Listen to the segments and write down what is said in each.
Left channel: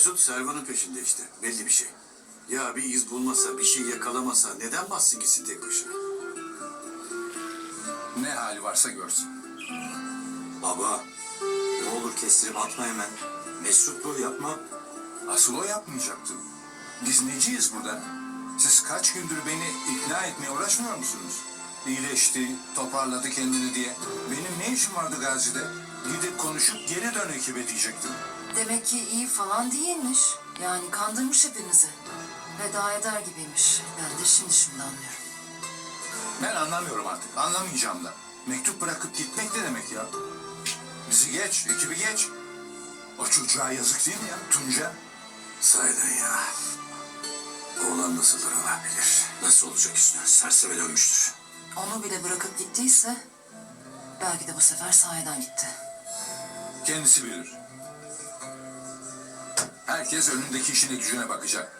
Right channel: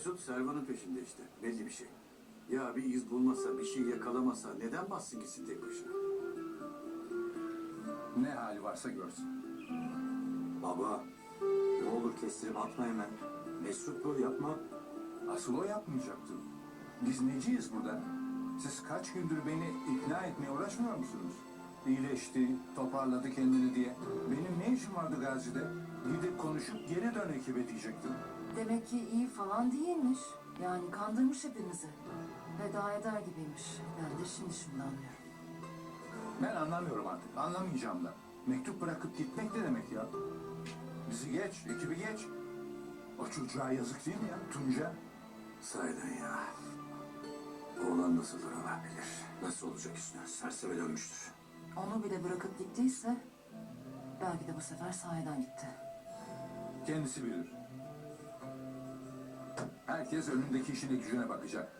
Mesut Servan'ın peşinde işte. Belli bir şey. Ya bir iz bulmasa, bir şey yakalamasa neden bassın gitsin tek başına? Ne hali varsa görsün. Baba, ne olur kestirip atma hemen. Mesut bu yapma. Asıl o yapmayacaktı. Biz neciyiz burada? Siz kaç gündür beni ikna etmeye uğraşmıyor musunuz? İyileşti, toparladı kendini diye. Benim ne işim vardı Gazi'de? Gidip konuşup geri dön ekibe diyecektim. Demek ki iyi falan değilmiş. Yani kandırmış hepimizi. Veda eder gibiymiş. Ben de şimdi şimdi anlıyorum. Ben anlamıyorum artık. Anlamayacağım da. Mektup bırakıp gitmek ne demek ya? Bizi geç, ekibi geç. O çocuğa yazık değil mi ya? Tunca. Sahiden ya. Oğlan nasıldır Allah bilir. Nasıl olacak üstüne? Serseme dönmüştür. Onu bile bırakıp gittiyse... Belki de bu sefer sahiden gitti. Kendisi bilir. Herkes önündeki işine gücüne bakacak.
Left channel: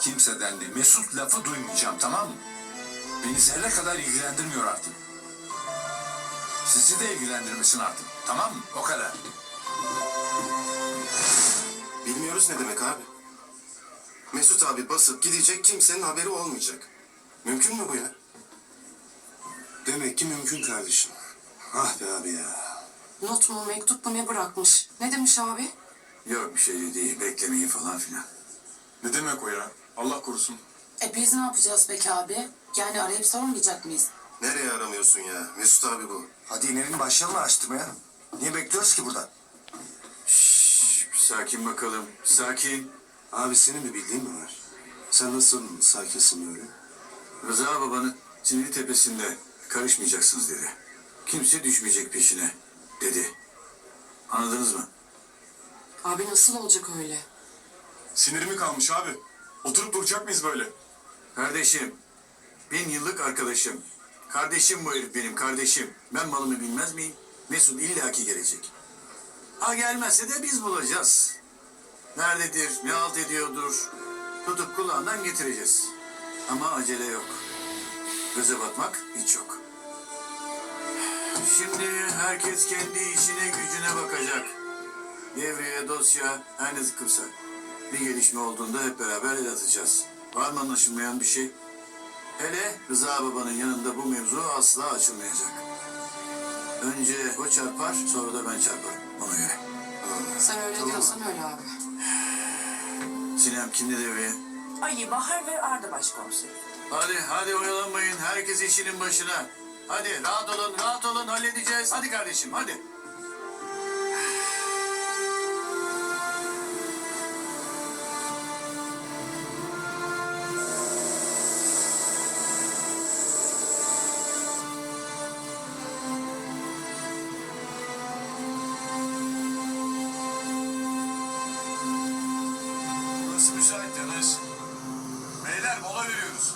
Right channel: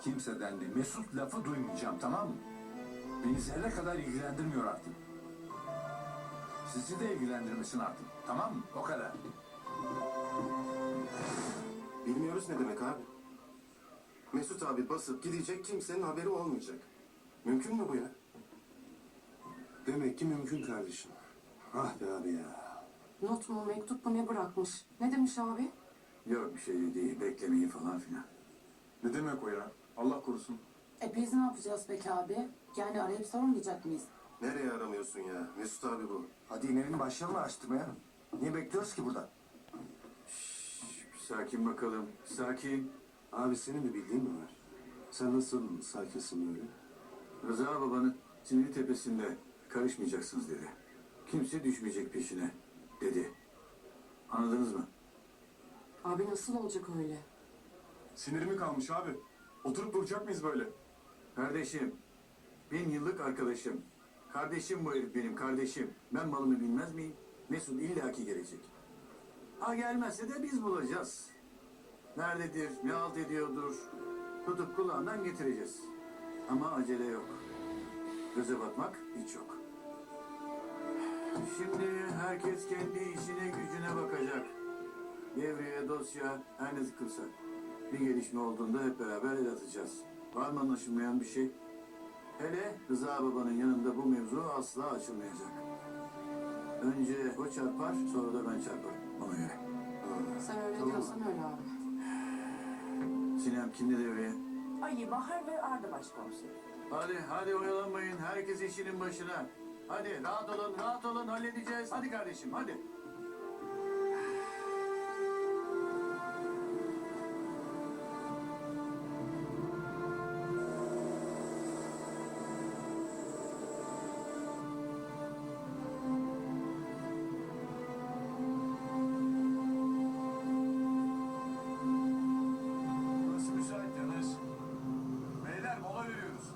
Kimseden de Mesut lafı duymayacağım tamam mı? Beni zerre kadar ilgilendirmiyor artık. Sizi de ilgilendirmesin artık. Tamam mı? O kadar. Bilmiyoruz ne demek abi. Mesut abi basıp gidecek kimsenin haberi olmayacak. Mümkün mü bu ya? Demek ki mümkün kardeşim. Ah be abi ya. Not mu mektup mu ne bırakmış? Ne demiş abi? Yok bir şey değil. Beklemeyin falan filan. Ne demek o ya? Allah korusun. E biz ne yapacağız peki abi? Yani arayıp sormayacak mıyız? Nereye aramıyorsun ya? Mesut abi bu. Hadi inelim başlayalım araştırmaya. Niye bekliyoruz ki burada? Şşş, bir sakin bakalım. Sakin. Abi senin bir bildiğin mi var? Sen nasıl sakinsin öyle? Rıza babanın siniri tepesinde karışmayacaksınız dedi. Kimse düşmeyecek peşine dedi. Anladınız mı? Abi nasıl olacak öyle? Sinirimi kalmış abi. Oturup duracak mıyız böyle? Kardeşim, bin yıllık arkadaşım. Kardeşim bu herif benim kardeşim. Ben malımı bilmez miyim? Mesut illaki gelecek. Ha gelmezse de biz bulacağız. Nerededir, ne halt ediyordur. Tutup kulağından getireceğiz. Ama acele yok. Göze batmak hiç yok. Şimdi herkes kendi işine gücüne bakacak. Devreye, dosya, her ne sıkırsa. Bir gelişme olduğunda hep beraber el atacağız. Var mı anlaşılmayan bir şey? Hele Rıza babanın yanında bu mevzu asla açılmayacak. Önce o çarpar, sonra da ben çarparım. Ona göre. Sen öyle diyorsan öyle abi. Sinem kimdi devreye? Ali Bahar ve Arda Başkomiseri. Hadi, hadi oyalanmayın. Herkes işinin başına. Hadi rahat olun, rahat olun. Halledeceğiz. Hadi kardeşim, hadi. Burası müsait. Beyler mola veriyoruz.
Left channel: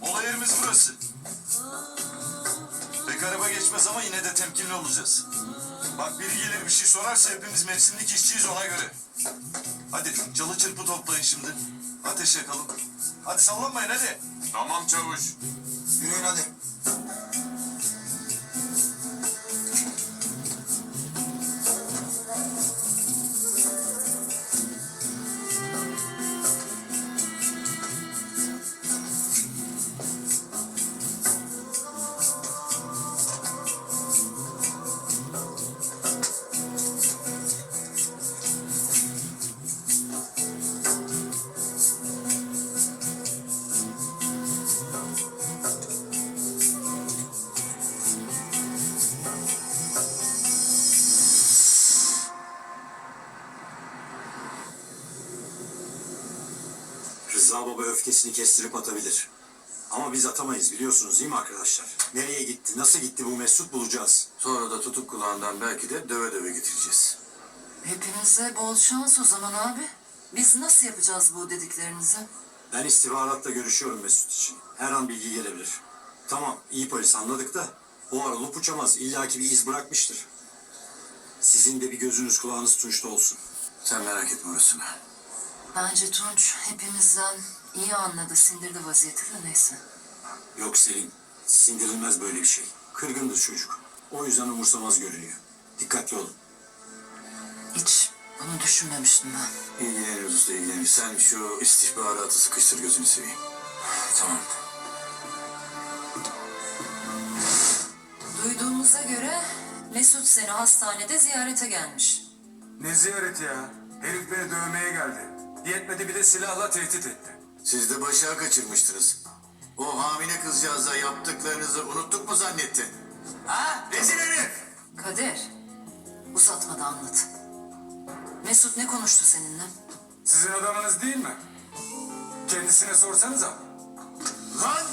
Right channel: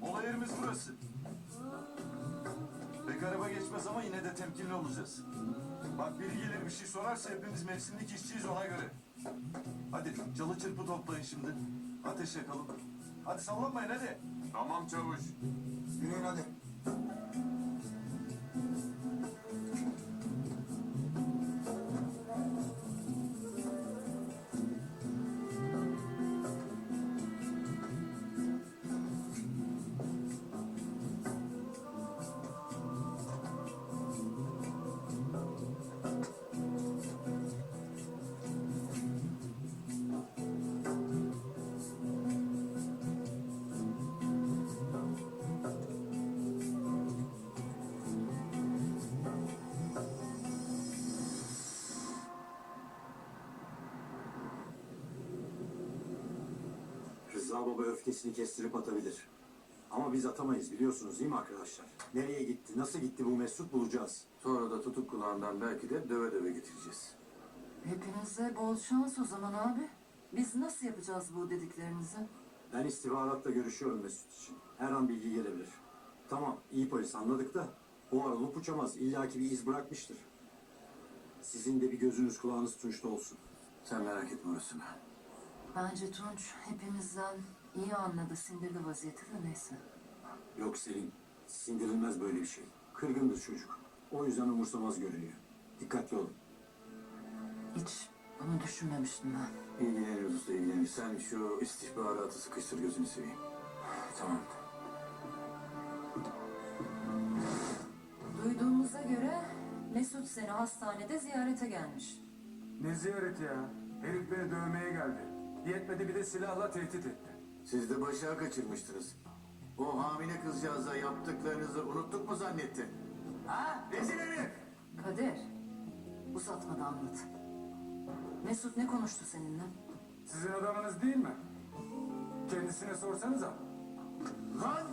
Mola yerimiz burası. Pek araba geçmez ama yine de temkinli olacağız. Bak biri gelir bir şey sorarsa hepimiz mevsimlik işçiyiz ona göre. Hadi çalı çırpı toplayın şimdi. Ateş yakalım. Hadi sallanmayın hadi. Tamam çavuş. Yürüyün hadi. Rıza baba öfkesini kestirip atabilir. Ama biz atamayız biliyorsunuz değil mi arkadaşlar? Nereye gitti, nasıl gitti bu Mesut bulacağız. Sonra da tutup kulağından belki de döve döve getireceğiz. Hepimize bol şans o zaman abi. Biz nasıl yapacağız bu dediklerinizi? Ben istihbaratla görüşüyorum Mesut için. Her an bilgi gelebilir. Tamam, iyi polis anladık da o ara olup uçamaz. İlla ki bir iz bırakmıştır. Sizin de bir gözünüz kulağınız tunçta olsun. Sen merak etme orasını. Bence Tunç hepimizden iyi anladı, sindirdi vaziyeti de neyse. Yok Selin. Sindirilmez böyle bir şey. Kırgındır çocuk. O yüzden umursamaz görünüyor. Dikkatli olun. Hiç bunu düşünmemiştim ben. İlgileniriz usta ilgileniriz. Sen şu istihbaratı sıkıştır gözünü seveyim. Tamam. Duyduğumuza göre Mesut seni hastanede ziyarete gelmiş. Ne ziyareti ya? Herif beni dövmeye geldi. Yetmedi bir de silahla tehdit etti. Siz de başa kaçırmıştınız. O hamile kızcağıza yaptıklarınızı unuttuk mu zannettin? Ha? Rezil herif! Kadir, uzatma da anlat. Mesut ne konuştu seninle? Sizin adamınız değil mi? Kendisine sorsanıza. Lan!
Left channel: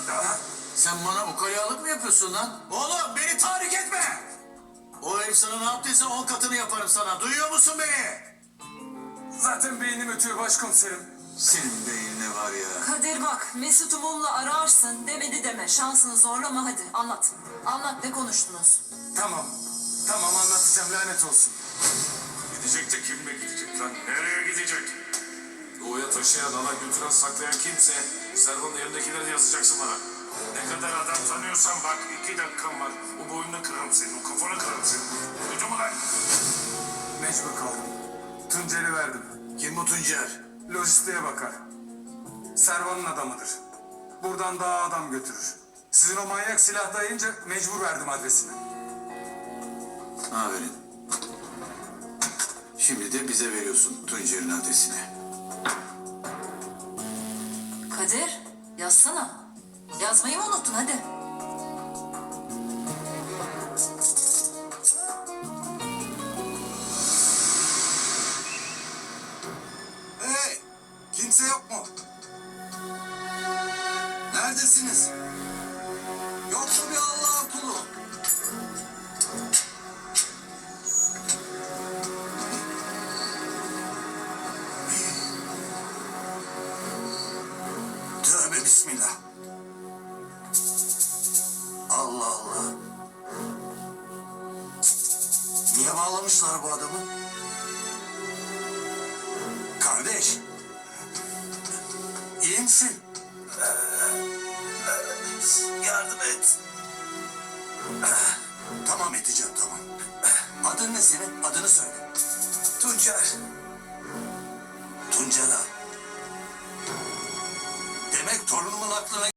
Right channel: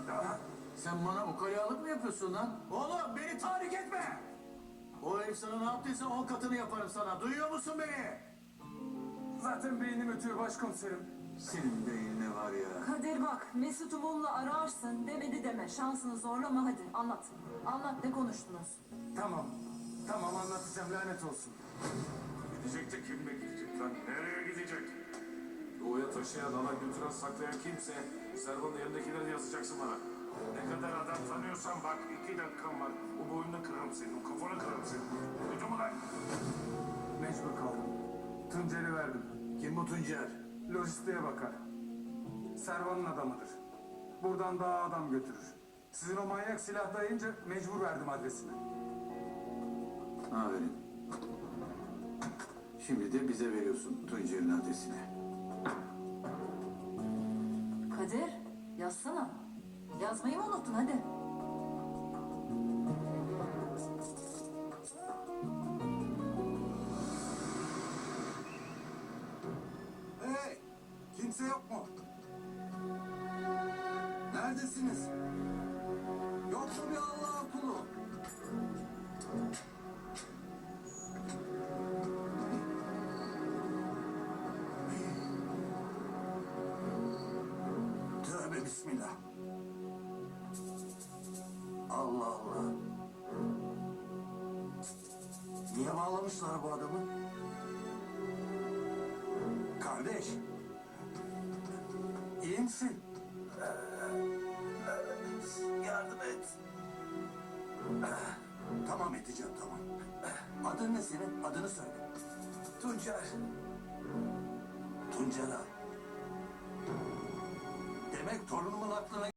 Sen bana ukalalık mı yapıyorsun lan? Oğlum beni tahrik etme! O herif sana ne yaptıysa on katını yaparım sana. Duyuyor musun beni? Zaten beynim ötüyor başkomiserim. Senin beynine var ya. Kadir bak, Mesut'u mumla ararsın demedi deme. Şansını zorlama hadi anlat. Anlat ne konuştunuz? Tamam. Tamam anlatacağım lanet olsun. Gidecek de kimle gidecek lan? Nereye gidecek? Doğuya taşıyan, alan götüren, saklayan kimse Servan'ın elindekileri yazacaksın bana. Ne kadar adam tanıyorsan bak iki dakikan var. O boynunu kırarım senin, o kafanı kırarım senin. Duydun mu lan? Mecbur kaldım. Tuncer'i verdim. Kim bu Tuncer? Lojistiğe bakar. Servan'ın adamıdır. Buradan daha adam götürür. Sizin o manyak silah dayayınca mecbur verdim adresini. Aferin. Şimdi de bize veriyorsun Tuncer'in adresini. Kadir, yazsana. Yazmayı mı unuttun hadi. Neredesiniz? Yok mu bir Allah'ın kulu? Tövbe bismillah. Allah Allah. Niye bağlamışlar bu adamı? Kardeş. İyi misin? Yardım et. Tamam edeceğim tamam. Adın ne senin? Adını söyle. Tuncer. Tuncer. Demek torunumun aklına